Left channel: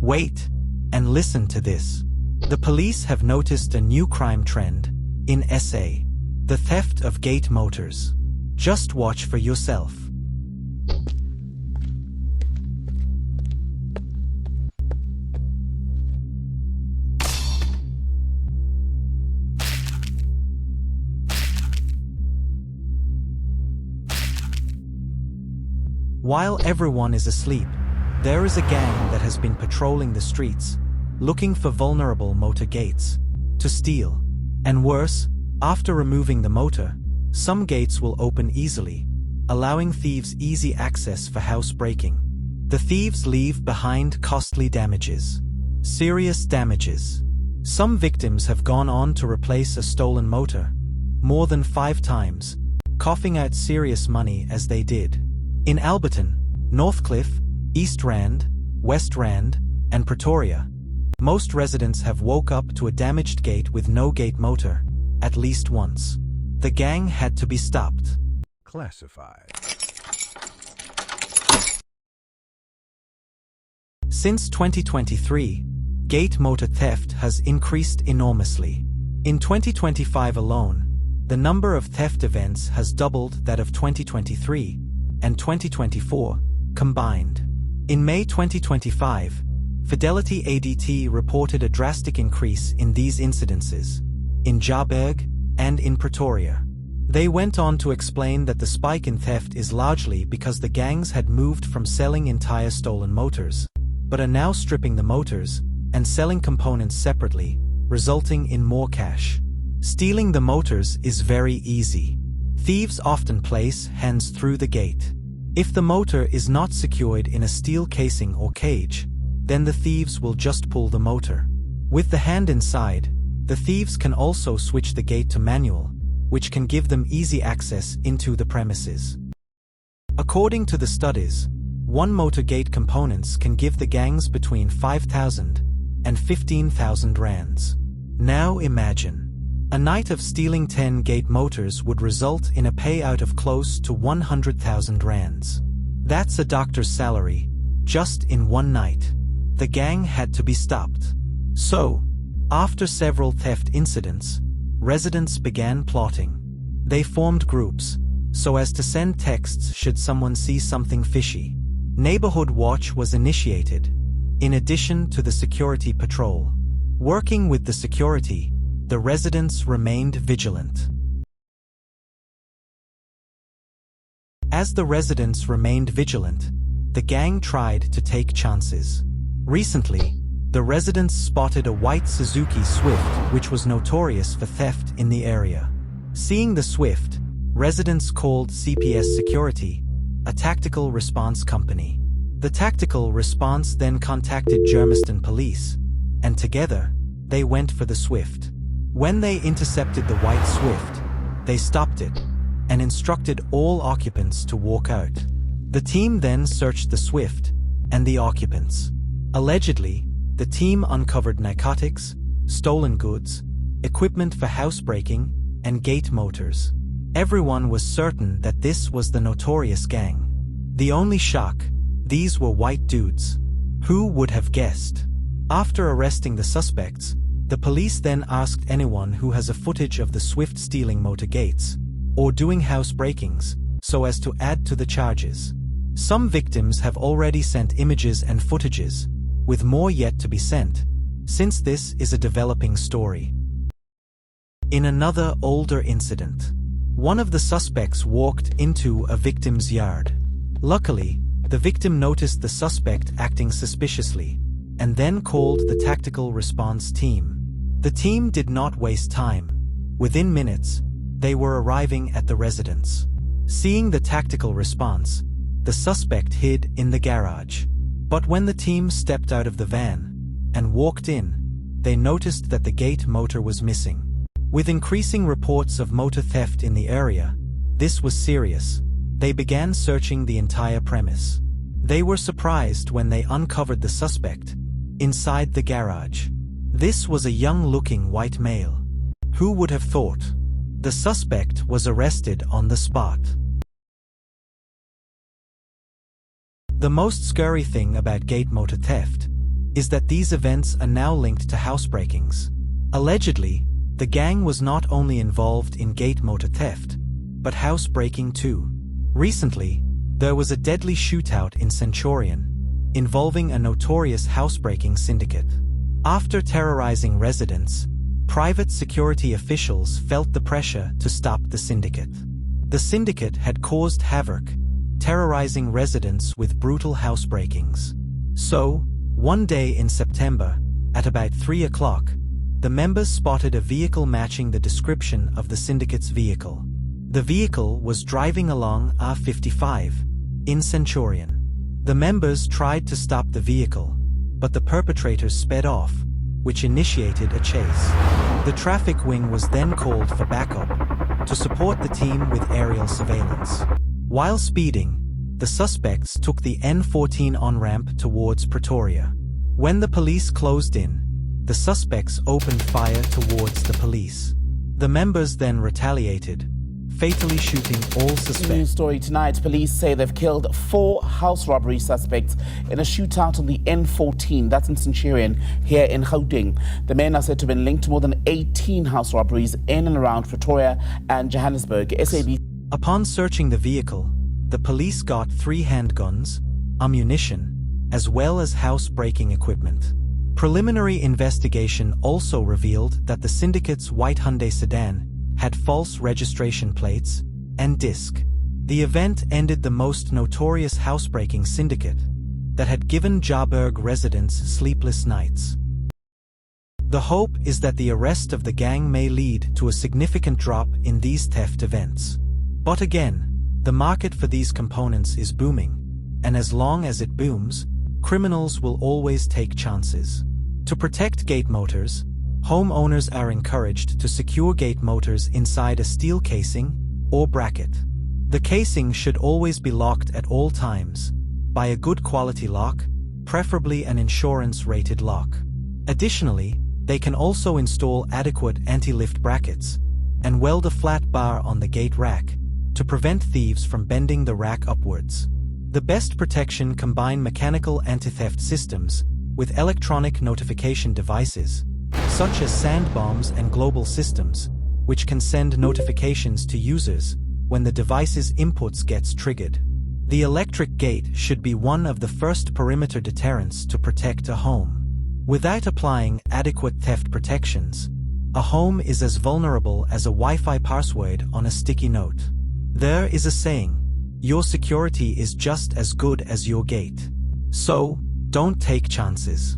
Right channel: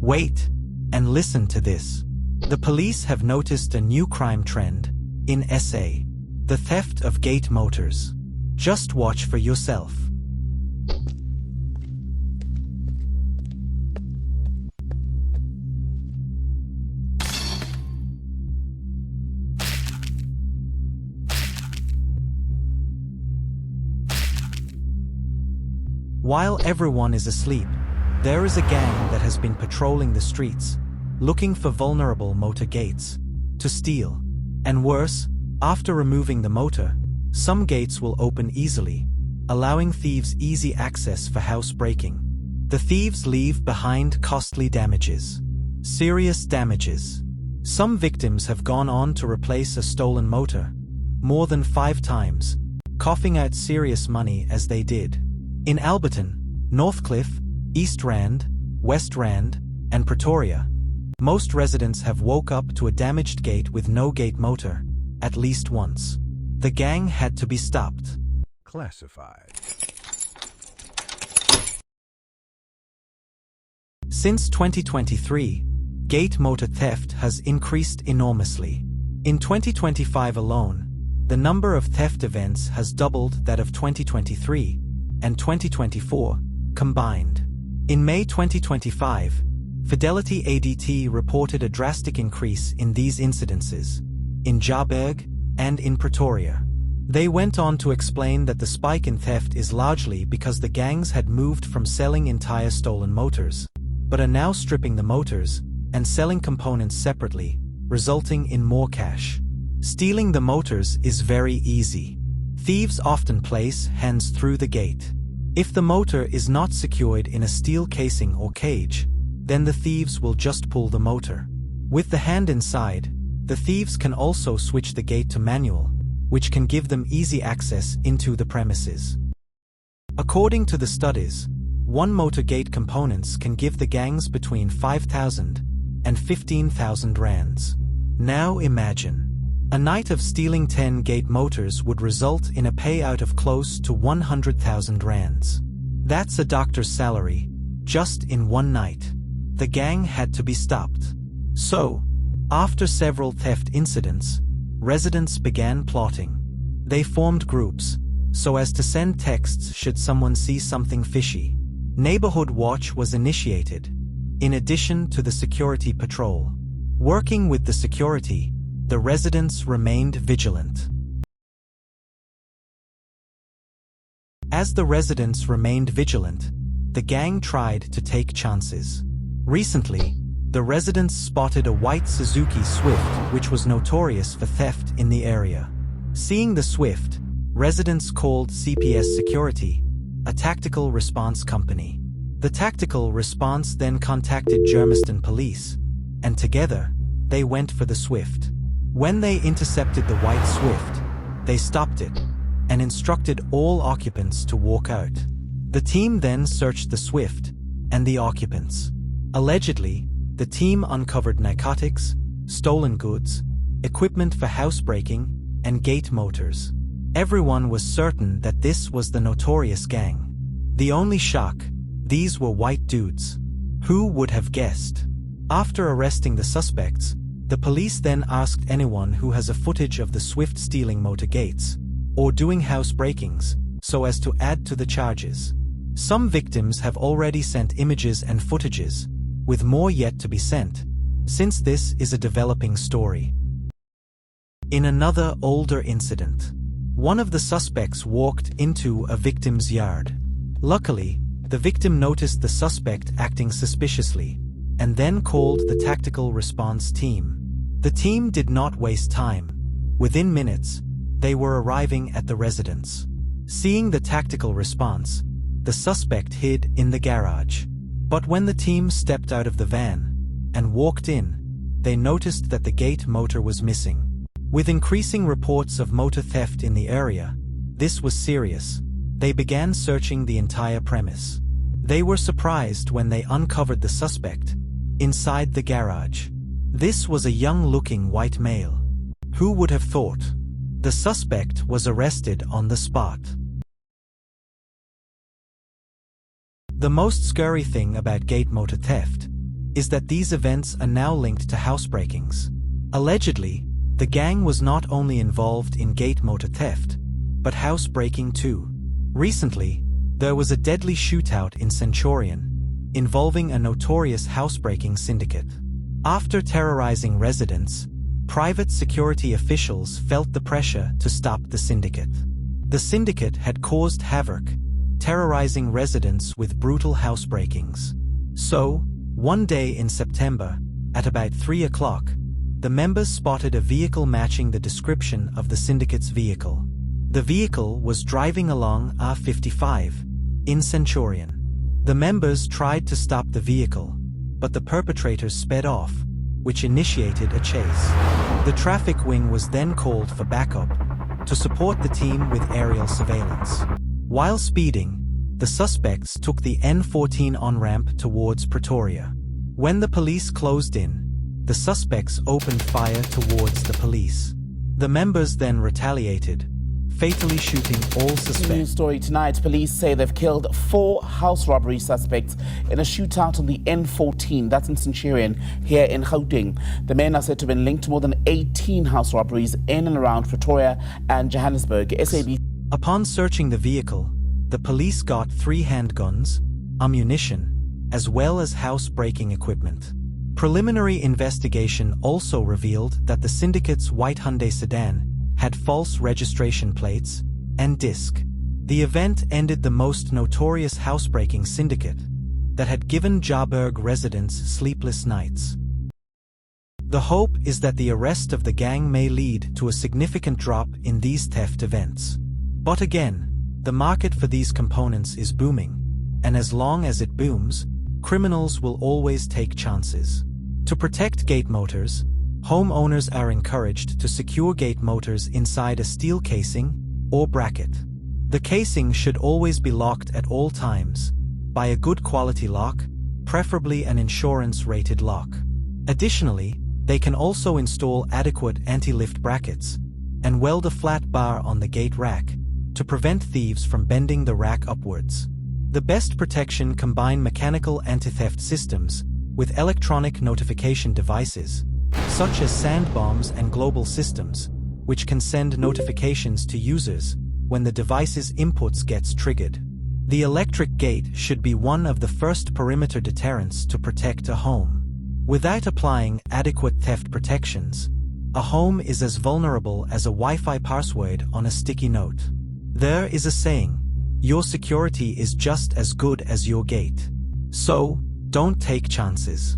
Wait, and listen to this. The police have noticed a new crime trend in SA: the theft of gate motors. Just watch for yourself. While everyone is asleep, there is a gang that has been patrolling the streets, looking for vulnerable motor gates to steal. And worse, after removing the motor, some gates will open easily, allowing thieves easy access for housebreaking. The thieves leave behind costly damages. Serious damages. Some victims have gone on to replace a stolen motor more than 5 times, coughing out serious money as they did. In Alberton, Northcliffe, East Rand, West Rand, and Pretoria, most residents have woke up to a damaged gate with no gate motor, at least once. The gang had to be stopped. Classified. Since 2023, gate motor theft has increased enormously. In 2025 alone, the number of theft events has doubled that of 2023 and 2024 combined. In May 2025, Fidelity ADT reported a drastic increase in these incidences in Joburg and in Pretoria. They went on to explain that the spike in theft is largely because the gangs had moved from selling entire stolen motors, but are now stripping the motors and selling components separately, resulting in more cash. Stealing the motors is very easy. Thieves often place hands through the gate. If the motor is not secured in a steel casing or cage, then the thieves will just pull the motor. With the hand inside, the thieves can also switch the gate to manual, which can give them easy access into the premises. According to the studies, one motor gate components can give the gangs between 5,000 and 15,000 rands. Now imagine. A night of stealing 10 gate motors would result in a payout of close to 100,000 rands. That's a doctor's salary, just in one night. The gang had to be stopped. So, after several theft incidents, residents began plotting. They formed groups, so as to send texts should someone see something fishy. Neighborhood Watch was initiated, in addition to the security patrol. Working with the security, the residents remained vigilant. As the residents remained vigilant, the gang tried to take chances. Recently, the residents spotted a white Suzuki Swift which was notorious for theft in the area. Seeing the Swift, residents called CPS Security, a tactical response company. The tactical response then contacted Germiston police, and together, they went for the Swift. When they intercepted the white Swift, they stopped it and instructed all occupants to walk out. The team then searched the Swift and the occupants. Allegedly, the team uncovered narcotics, stolen goods, equipment for housebreaking, and gate motors. Everyone was certain that this was the notorious gang. The only shock, these were white dudes. Who would have guessed? After arresting the suspects, the police then asked anyone who has a footage of the Swift stealing motor gates or doing housebreakings, so as to add to the charges. Some victims have already sent images and footages, with more yet to be sent, since this is a developing story. In another older incident, one of the suspects walked into a victim's yard. Luckily, the victim noticed the suspect acting suspiciously, and then called the tactical response team. The team did not waste time. Within minutes, they were arriving at the residence. Seeing the tactical response, the suspect hid in the garage. But when the team stepped out of the van and walked in, they noticed that the gate motor was missing. With increasing reports of motor theft in the area, this was serious. They began searching the entire premise. They were surprised when they uncovered the suspect inside the garage. This was a young-looking white male. Who would have thought? The suspect was arrested on the spot. The most scary thing about gate motor theft is that these events are now linked to housebreakings. Allegedly, the gang was not only involved in gate motor theft, but housebreaking too. Recently, there was a deadly shootout in Centurion, involving a notorious housebreaking syndicate. After terrorizing residents, private security officials felt the pressure to stop the syndicate. The syndicate had caused havoc, terrorizing residents with brutal housebreakings. So, one day in September, at about 3 o'clock, the members spotted a vehicle matching the description of the syndicate's vehicle. The vehicle was driving along R55 in Centurion. The members tried to stop the vehicle, but the perpetrators sped off, which initiated a chase. The traffic wing was then called for backup to support the team with aerial surveillance. While speeding, the suspects took the N14 on-ramp towards Pretoria. When the police closed in, the suspects opened fire towards the police. The members then retaliated, fatally shooting all suspects. News story tonight. Police say they've killed 4 house robbery suspects in a shootout on the N14, that's in Centurion, here in Gauteng. The men are said to have been linked to more than 18 house robberies in and around Pretoria and Johannesburg. SAB. Upon searching the vehicle, the police got 3 handguns, ammunition, as well as house-breaking equipment. Preliminary investigation also revealed that the syndicate's white Hyundai sedan had false registration plates and disc. The event ended the most notorious housebreaking syndicate that had given Joburg residents sleepless nights. The hope is that the arrest of the gang may lead to a significant drop in these theft events. But again, the market for these components is booming, and as long as it booms, criminals will always take chances. To protect gate motors, homeowners are encouraged to secure gate motors inside a steel casing or bracket. The casing should always be locked at all times by a good quality lock, preferably an insurance-rated lock. Additionally, they can also install adequate anti-lift brackets and weld a flat bar on the gate rack to prevent thieves from bending the rack upwards. The best protection combine mechanical anti-theft systems with electronic notification devices, such as sand bombs and global systems, which can send notifications to users when the device's inputs gets triggered. The electric gate should be one of the first perimeter deterrents to protect a home. Without applying adequate theft protections, a home is as vulnerable as a Wi-Fi password on a sticky note. There is a saying, your security is just as good as your gate. So, don't take chances.